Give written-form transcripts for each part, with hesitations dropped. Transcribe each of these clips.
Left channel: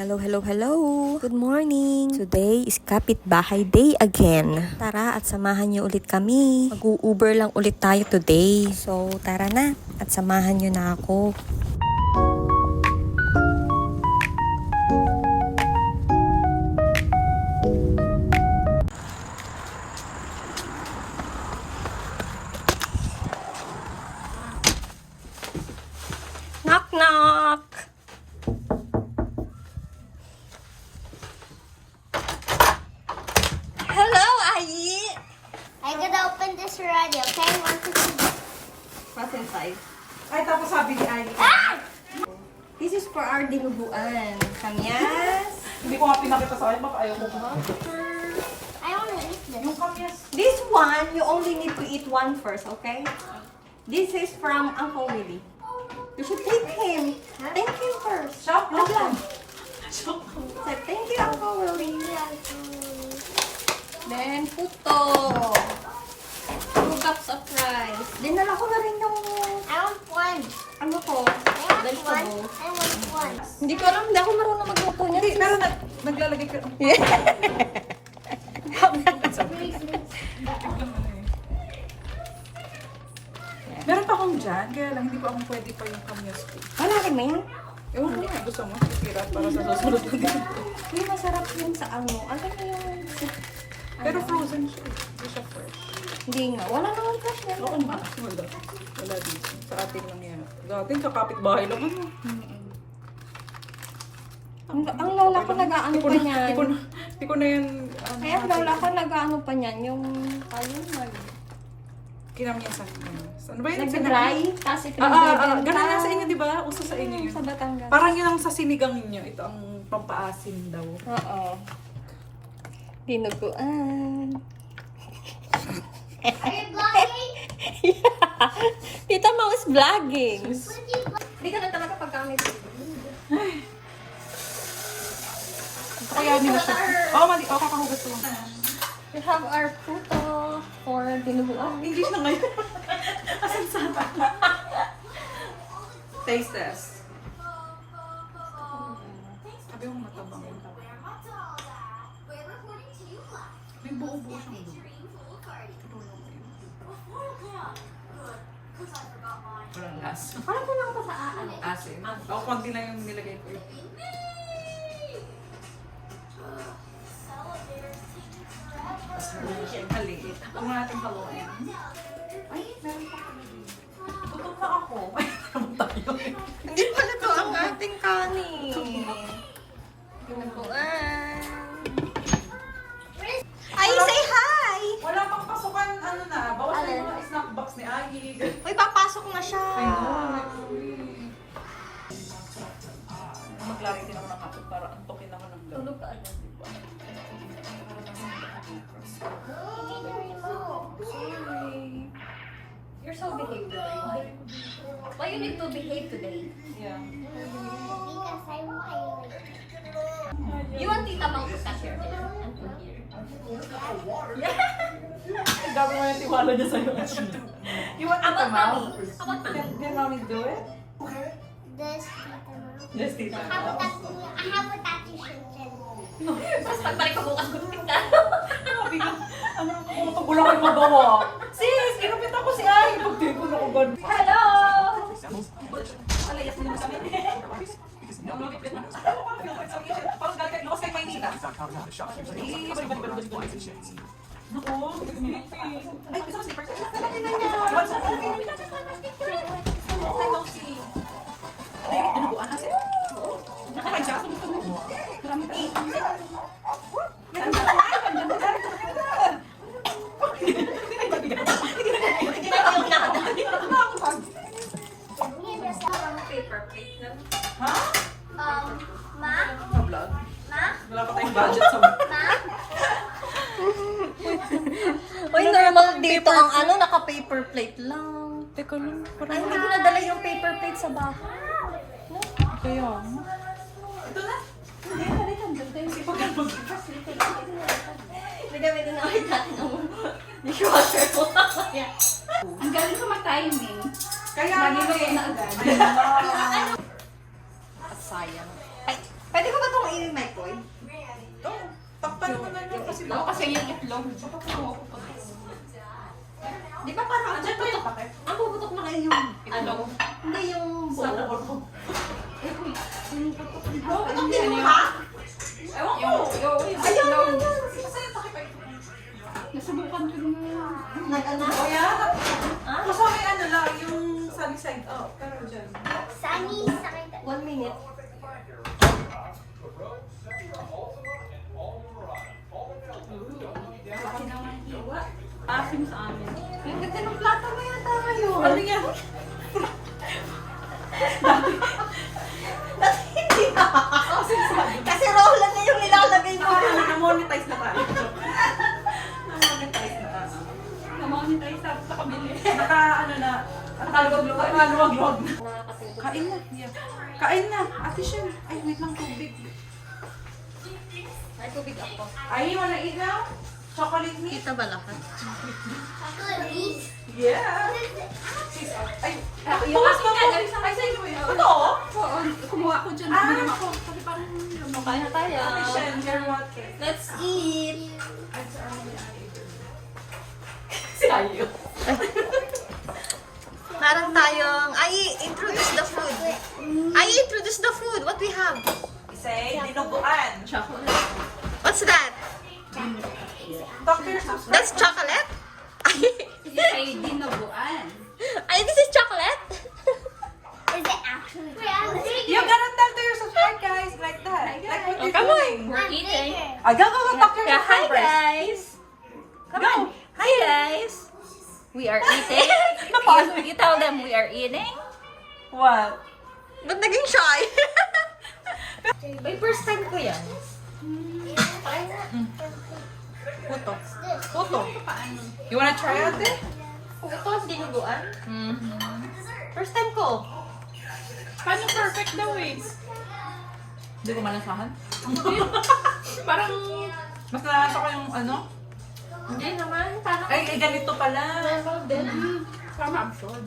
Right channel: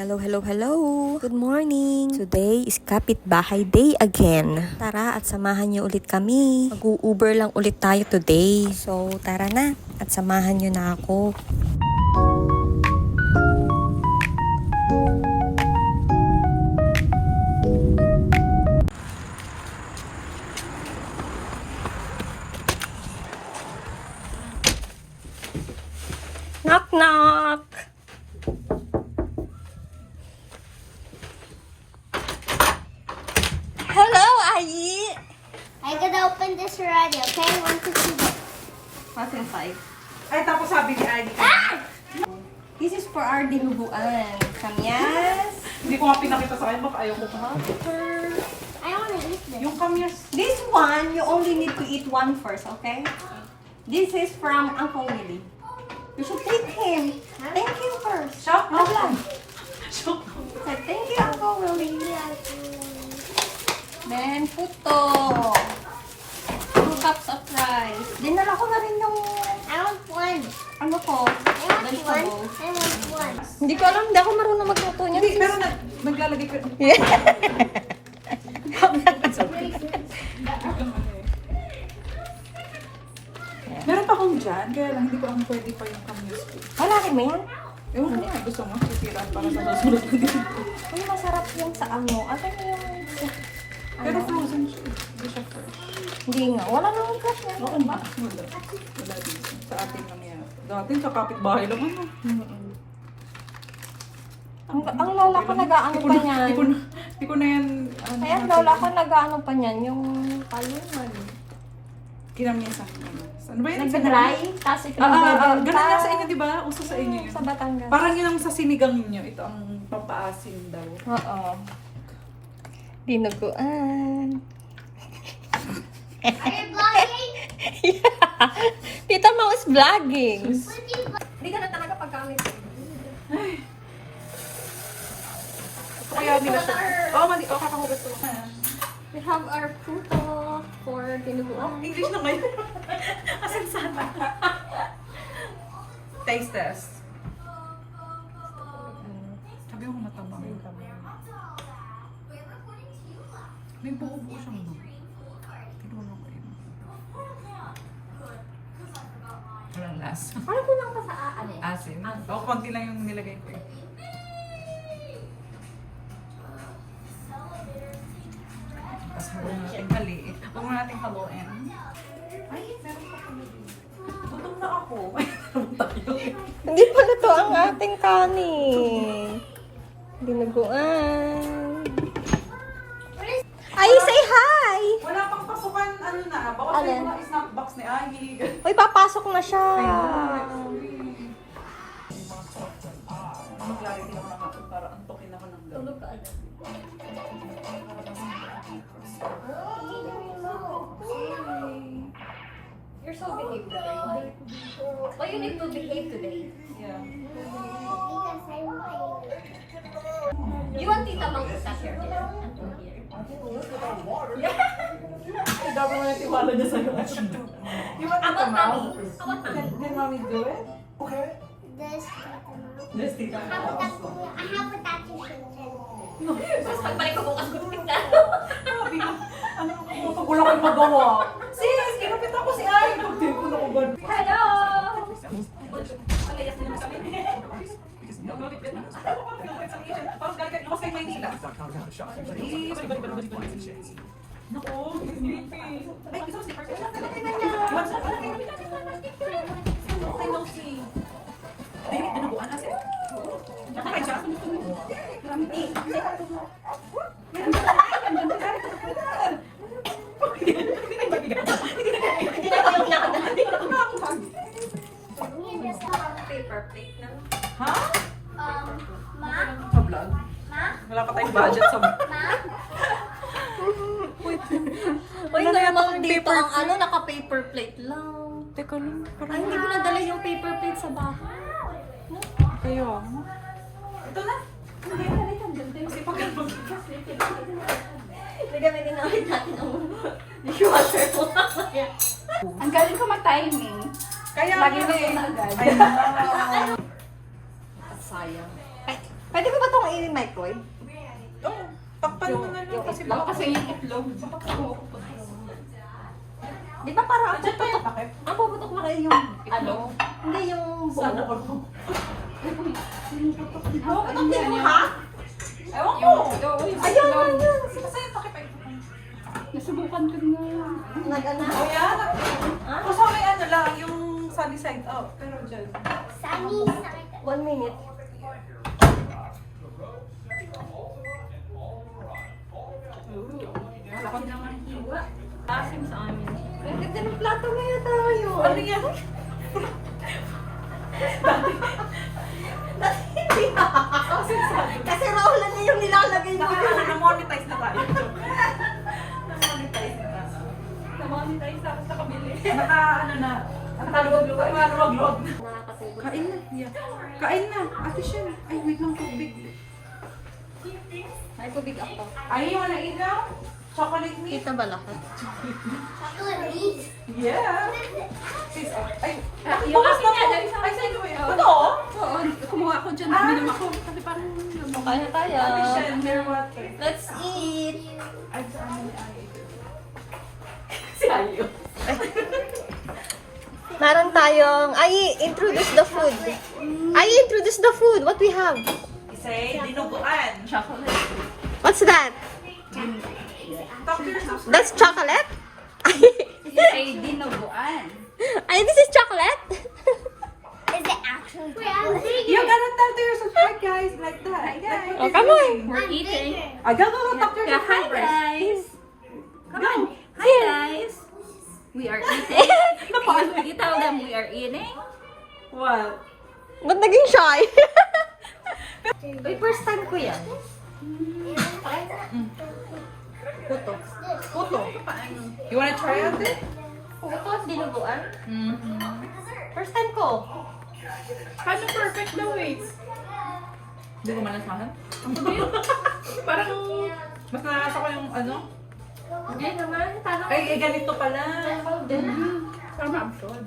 Hello, hello, hello! Good morning! Today is Kapitbahay Day again. Tara at samahan niyo ulit kami. Mag-u-Uber lang ulit tayo today. So, tara na at samahan niyo na ako. Knock, knock! Hello, Ayi! I gotta open this already, okay? 1, 2, 3. What in 5? Ay, tapos sabi ni Ayi. This is for our dinuguan. Kamyas. Hindi ko nga pinakita sa kanya, ayaw ko pa. I wanna eat this. Yung kamyas. This one, you only need to eat one first, okay? This is from Uncle Willie. You should thank him. Thank him first. Shock. Laglag. Shock. Say, thank you, Uncle Willie. Then, puto. 2 cups of rice. Dinala ko na rin yung, I want one. ano ko, I want one. vegetable. I want one. Hindi ko alam, hindi ako marunong magputo niya. Hindi, pero naglalagay ka. Meron pa akong dyan, kaya lang hindi ko akong pwede pa yung kamyas ko. Malaki mo yan? Ewan ko nga, gusto mo, sisira para sa susunod na din. Uy, masarap yun sa ano. Ano yung... Pero frozen siya. Hindi siya fresh. Hindi nga, wala nang fresh na. Oo nga, wala. Wala dito. Sa atin lang yan. Dati sa kapitbahay lang ano. Ang lola ko nag-aano pa niyan. Hindi ko na yan. Kaya ang lola ko nag-aano pa niyan, yung palungan. Kinamyan sa akin. Ano ba yun? Nagsanalay, tapos ito Ganun nga sa inyo, di ba? Uso sa inyo yun. Sa Batangas. Parang yun ang sa sinigang ninyo. Ito ang pampaasim daw. Oo. Dinuguan. Are you vlogging? Tita Mo is vlogging. Hindi ka na talaga pagkamit. Kaya nila siya. Oo, kakahugas ko lang. We have our puto for dinuguan. English na ngayon. Asin sana. Taste test. Sabi ko matabang. May buo-buo siyang buo. Pinuno ko yun. Walang lasa. Parang kulang pa sa ano. Asin. Oo, konti lang yung nilagay ko eh. Tapos huwag natin haliit. Huwag mo natin haluin. Ay, meron pa kami dito. Gutom na ako. Ay, meron tayo eh. Hindi pala to ang ating kanin. Dinuguan. Ay, say hi! Wala pang pasukan, ano na. Bawas na Alin? yung mga snack box ni Ayi. Uy, papasok na siya. Maglari din ako ng akin para antokin ako ng Tulog ka agad. You're so behaved today. Why you need to behave today? Yeah. Because I want. You want Tita Mang to touch your hair? And put here. Ay, gabi mo yung tiwala niya sa'yo. You want About to mouth? mommy. About mommy. Did mommy do it? This. Yes, tita. I have a tattoo shirt. Tapos pagbalik ko bukas gupit na. Sabi ko, ano ko, wala kayo magawa. Sis, kinupit ako si Ayi. Pagdi ko na ko ganun. Hello! Wala yakin naman sa amin. Parang galing, lakas kayo Maynila. Naku, sleepy. Ay, gusto mo sleeper? Ay, dinuguan kasi. Nakakain siya. Paper plate na. Ha? Ma? Pa-vlog? Ma? Wala pa tayong budget sa... Ma? Uy, normal dito ang ano, naka-paper plate lang. Teka lang, Ay, hindi ko nadala yung paper plate sa bahay. kaya. Ito na. Kasi pag Nagamitin na ulit natin ang dishwasher ko. Ang galing ko mag-timing. Kaya Lagi na na agad. Ay, Sayang. Ay, Pwede ko ba itong i-microwave? Oo. Takpan mo na lang kasi Baka kasi yung itlog. Baka po. Di ba parang Andiyan pa yung pakit? ang puputok na kayo yung Ano? hindi yung Sana buo. all. Ay, uy. Sinuputok din ako. Puputok din mo ha? Ewan ko. Yung Ayun! itlog. Kasi yung pakit ay Nasubukan ko din ngayon. Nag-ano? Oh, yeah. Ha? Kung sa akin ano lang, yung sunny side up. Pero dyan. Sunny side. 1 minute. Laki naman. Asim sa amin. Ang ganda ng plato ngayon tayo. Ano yan? Kasi rola na yung nilalagay mo. Na-monetize na tayo. Na-monetize na. Namonetize ako sa kabili. Ano na. Nakaluwag-luwag. Nakakatulog. Kain na. Yeah. Kain na. Ate Shen. Ay, wait lang tubig. Ay, tubig ako. Ay, you wanna eat now? Chocolate meat? Kita ba lahat? Yeah. Sis, ay. Yung akin nga, dali sa Ay, akin. sa'yo ba yun? Totoo? Oo, kumuha ako dyan. Ah. Binom ako. Kasi parang Kaya tayo. Ate Shen, beer water. Let's eat. Ay, saan? si Ayo. Meron tayong, introduce the food. Introduce the food. What do you have? Say, dinuguan. Chocolate. What's that? Talk to your subscribers. That's chocolate? Ay, dinuguan. This is chocolate? Is it actually? You gotta talk to your subscribers, guys, like that. Like what you're come on. doing. We're eating. Go, talk to your Yeah, hi subscribers. guys. Come on. Hi guys. We are eating. You tell them we are eating. What? Ba't naging shy? Wait, first time ko yan. Puto. Puto. Paano? You wanna try it? Ito, dinuguan. Mm-hmm. First time ko. Paano perfect daw eh? Hindi ko malasahan. Parang, Mas narasa ko yung ano. Hindi naman. Paano? Ay, ganito pala. parang absorb.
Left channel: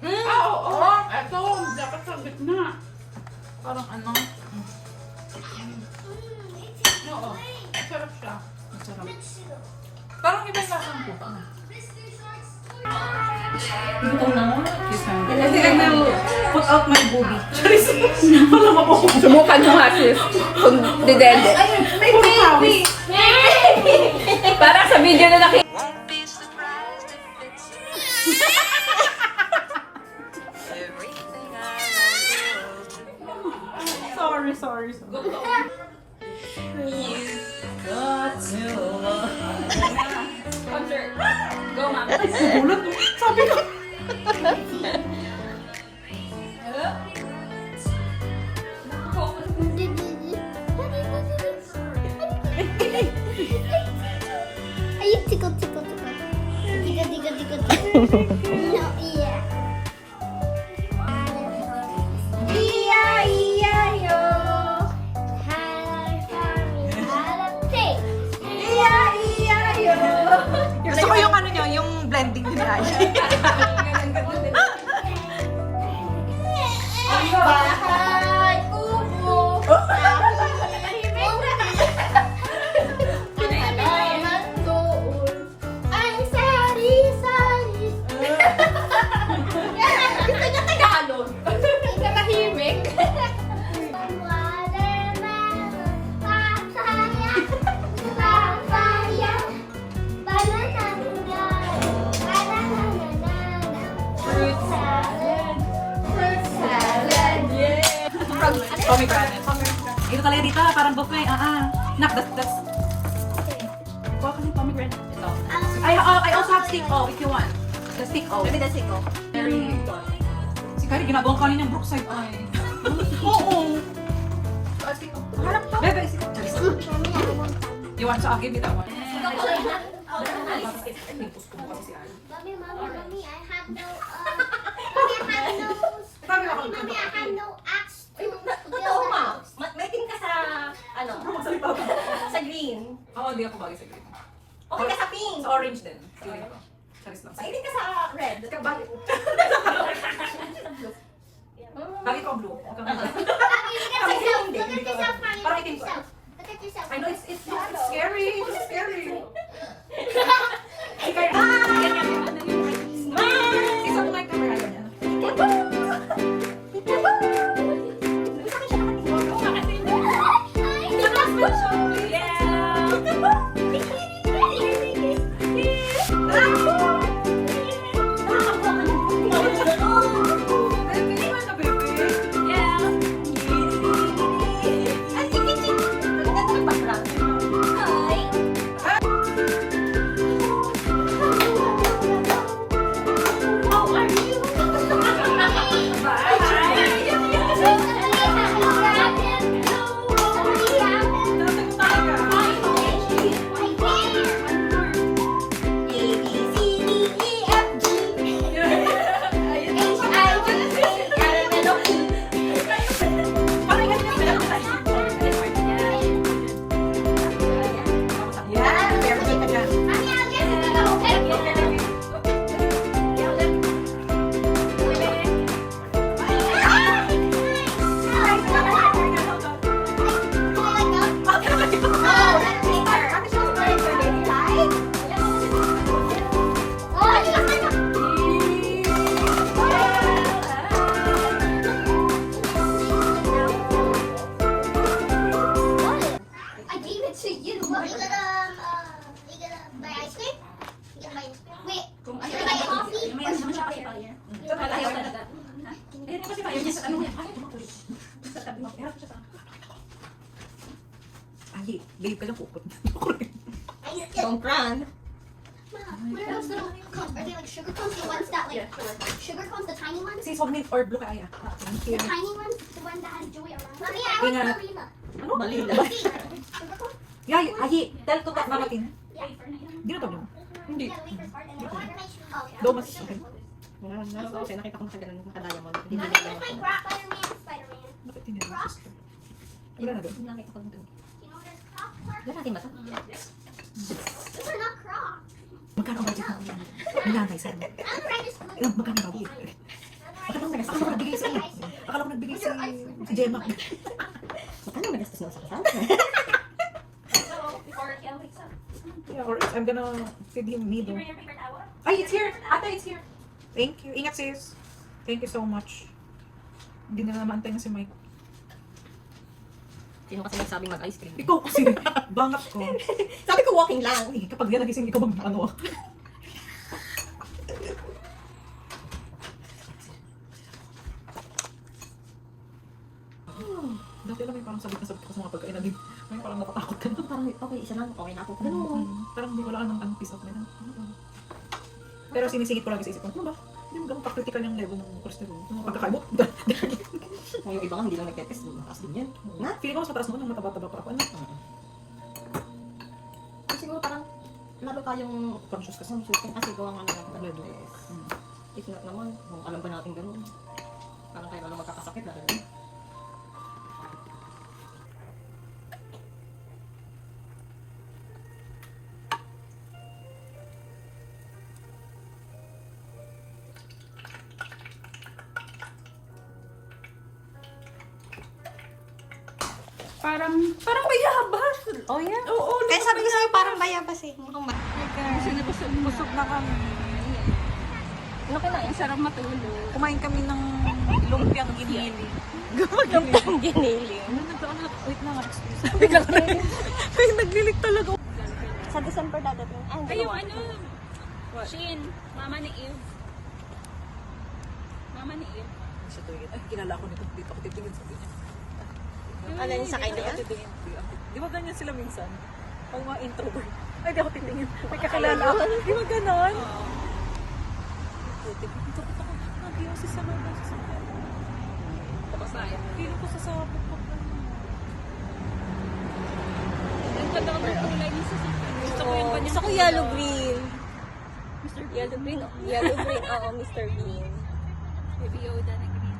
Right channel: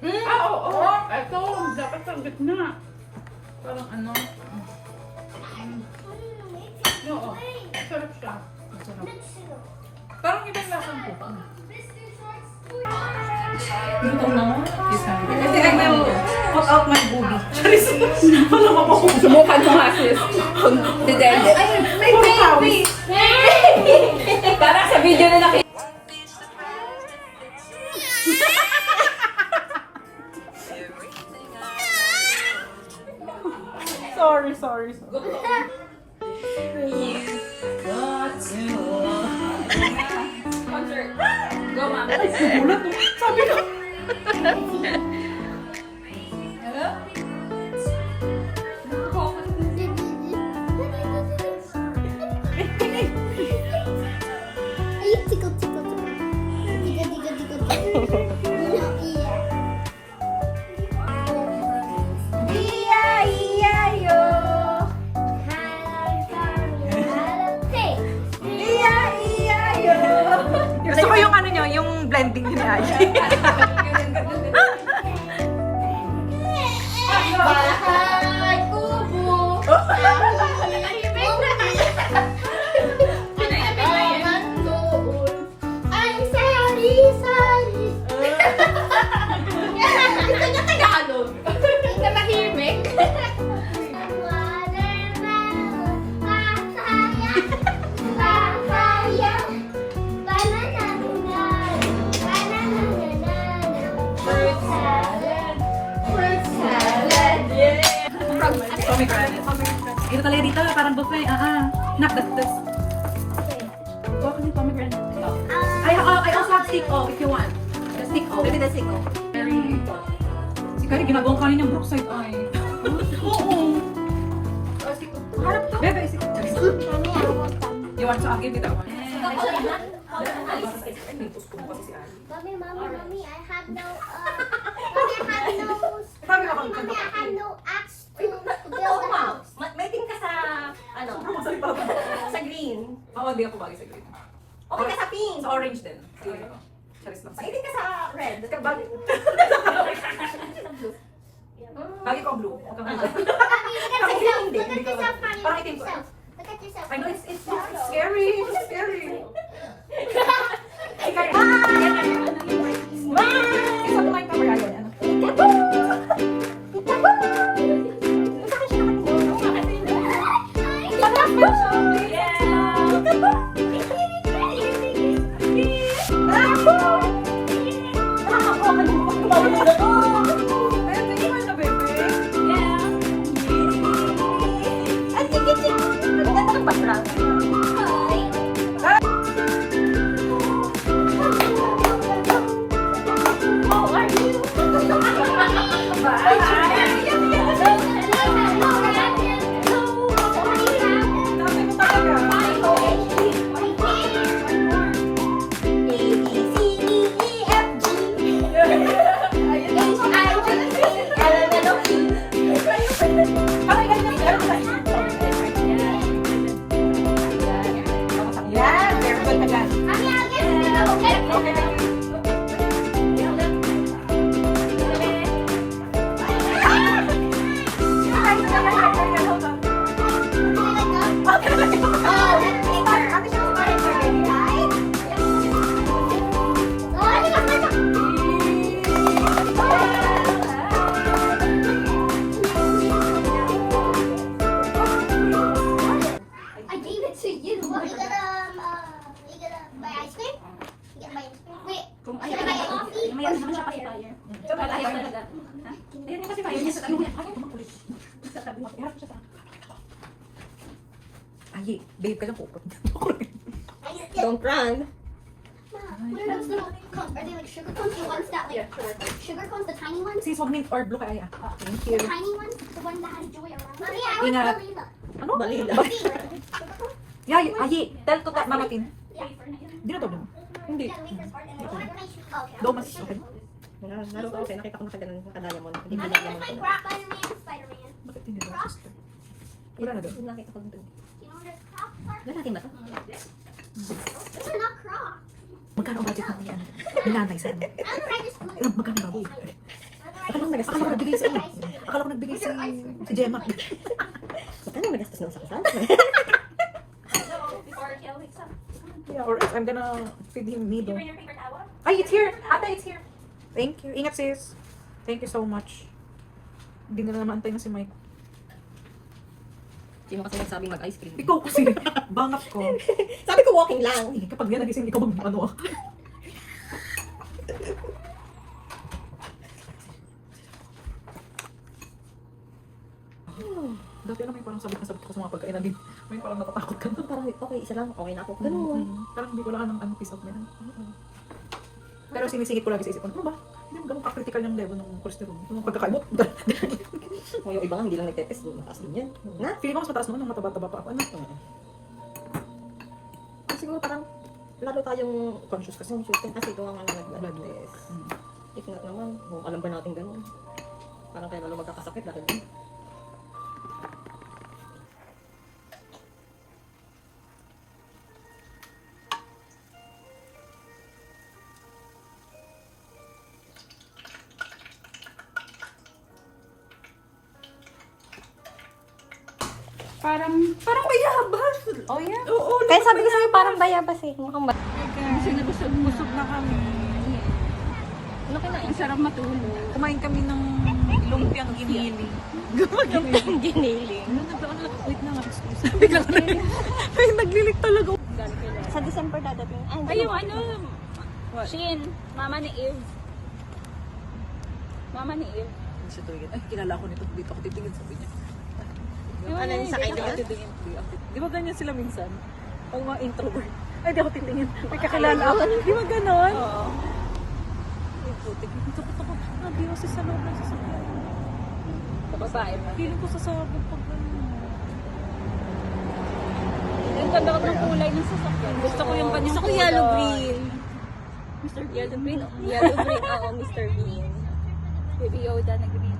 Mm. Ah, oo. Ito, dapat sa gitna. Parang ano. Oo. Sarap siya. Masarap. Parang ibang lasang puto. I think I will put out my booby. Charis. Wala mabuhong. Subukan mo nga sis. Kung didende. May baby! Parang sa video na nakita. Sorry. Go, ma'am. Ay, nagulat mo. Sabi ko. Ay, tickle. Tickle. No, yeah. E-I-E-I-O. Halapay. E-I-E-I-O. Gusto ko yung ano nyo, yung blending ni Aji. Bahay kubo. Ang halaman doon ay sari-sari. Gusto niya Tagalog. Nakahimik. Watermelon, papaya, papaya, banana, fruit salad, Dito talaga dito, parang buffet. Nak, that's... Welcome to pomegranate. Ito. I also have stick O if you want. The stick O. Maybe that's it ko. Si Kari, ginagawang kanin yung Brookside Eye. Oo. Harap to. Bebe, isip. You want to give me that one? Mommy, I have no, Mommy, I have no, Sabi ka Mommy, I have no axe to build Oo, a ma. house. May team ka sa, Magsalita ba? sa green. Oo, hindi ako bagay sa green. Okay ka sa pink. Sa orange din. Feeling ko. Charis lang. Mahilig ka sa red. Bakit? Lagi ko ang blue. Huwag kang blue. Look at yourself. Look at yourself, Mommy. Parang Look at itim ko. yourself. Look at yourself. I know it's scary. It's scary. Ikaw rin. Isa po kayo camera. Ano? I gave it to you. You gonna buy ice cream? You gonna buy ice cream? Wait, you gonna buy coffee? Ay, babe, kailan po? Don't run. Where are those little cones? Are they like sugar cones? The ones that like sugar cones, the tiny ones? Sis, huwag mint or blue kaya. Thank you. The tiny ones? The one that has joy around? Mommy, I Ingat. want Balina. Ano? Balila. Sugar cones? Yay, ayi, tell to that mama tin. Yeah. Di na tawag mo. Hindi. Yeah, make us part of it. Okay. Do mas okay. Naroon ako sa'yo, nakita ko nakaganon naka-diamond. Hindi binigyan That's mo my ko. Spider-Man. Bakit hindi ba sister? Wala na doon. Nakita ko dun. You know what it's called? Lalaki ba ito? Those are not Crocs. Magkano ang budget ng yan? Nilanay sa ano? I'm trying to school. Ilang magkano ba? Akala ko nagastos ko nagbigay sa iyo. Akala ko nagbigay si Gemma. Magkano magastos nung sa kasal? Yeah, or else I'm gonna feed him meal. Ay, it's here! Ate, it's here! Thank you. Ingat sis. Thank you so much. Hindi na naman antayin si Mike. Sino kasi nagsabing mag-ice cream? Ikaw kasi, bangat ko. Sabi ko walking lang. Eh, kapag yan nagising, ikaw bang ano? Dati lang may parang sabit na sabit ko sa mga pagkain na din. May parang natatakot ka na. Parang okay, isa lang. Okay na ako. Ganun. Parang hindi wala ka ng ano, peace of mind. Pero sinisingit ko lagi sa isip ko, ano ba? Hindi mo ganun ka-critical yung level ng cholesterol. Pagkakain mo, O yung iba nga hindi lang nagtetest. Mataas din yan. Na? feeling ko mas mataas mo nung mataba-taba pa ako. Ano? Kasi siguro parang lalo tayong conscious kasi kasi ito ang nag-bloodless. If not naman, alam ba natin ganun? Parang kaya lalo magkakasakit dahil din. Parang bayabas. Oh yeah. Oo, Kaya sabi ko sa'yo parang bayabas eh. Mukhang ba? Kasi busog na kami. Ano kinain? Ang sarap matulog. kumain kami ng lumpiang ginili. Ang giniling. Ano naglaan na? Wait na nga, excuse. Biglang ay, naglilig talaga. Sa December dadating. Ay, yung ano? Shin. Mama ni Eve. Mama ni Eve. Siya tuwingin. Ay, kilala ko nito. Dito ako titingin, sabi niya. Ano yung sakay Dito niya? ako titingin. Di ba ganyan sila minsan? Pag mga introvert. Ay, di ako titingin. May kakilala ako. Di ba ganon? Oo. Putik. Takot ako. Di kasi sa loob ng sasakyan. Babae. Feeling ko sasabog pag ganyan. Yung ganda ng kulay ng sasakyan. Gusto ko yung Gusto ko yellow green. Yellow green, yellow green, oo, Mr. Bean. Yung Yoda na green.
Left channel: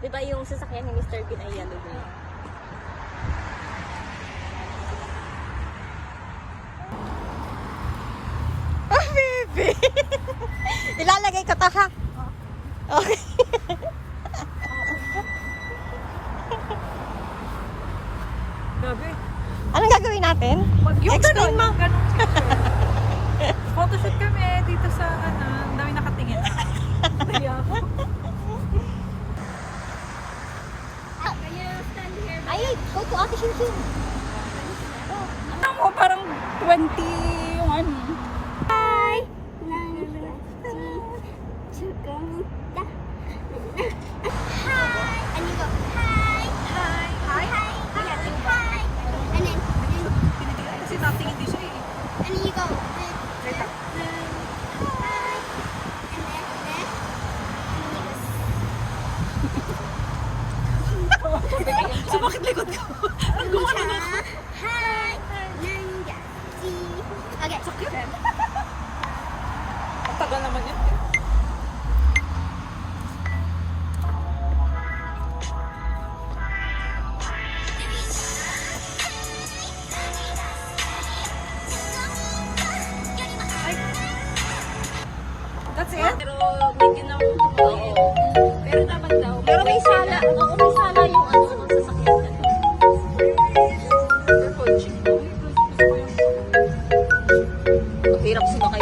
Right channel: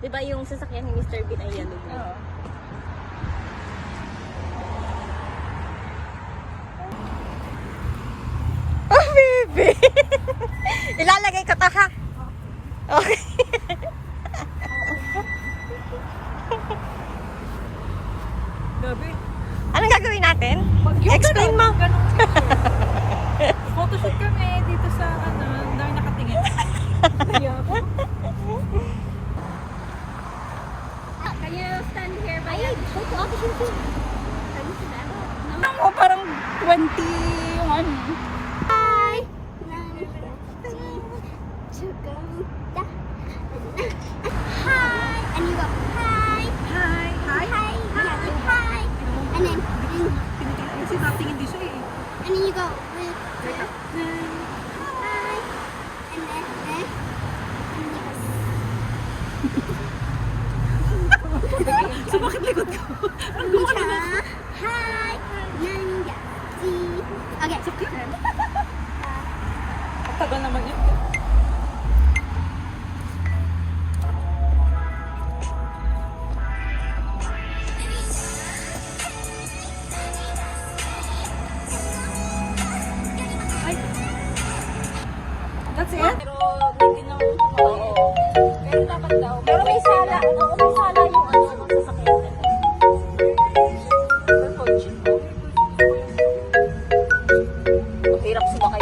Di ba yung sasakyan ni Mr. Bean ay yellow green? Oo. Oh, baby! Ilalagay ko to ha? Okay. natin? Yung Explain mo. ganun picture. Photoshoot kami dito sa ano, ang dami nakatingin. Kaya ako. Ay, go to Ate Shinshin. Ako parang 20 yung ano. Hi. Hi. And you go, hi. Hi. Hi. Hi. Yeah, hi. And then, Tinitingnan kasi tatingin din siya eh. and then you go, Wait up. hi. And then, So bakit likod ko? Hi. Nanga. Okay. Sakit. Ang tagal naman yan. That's it? Pero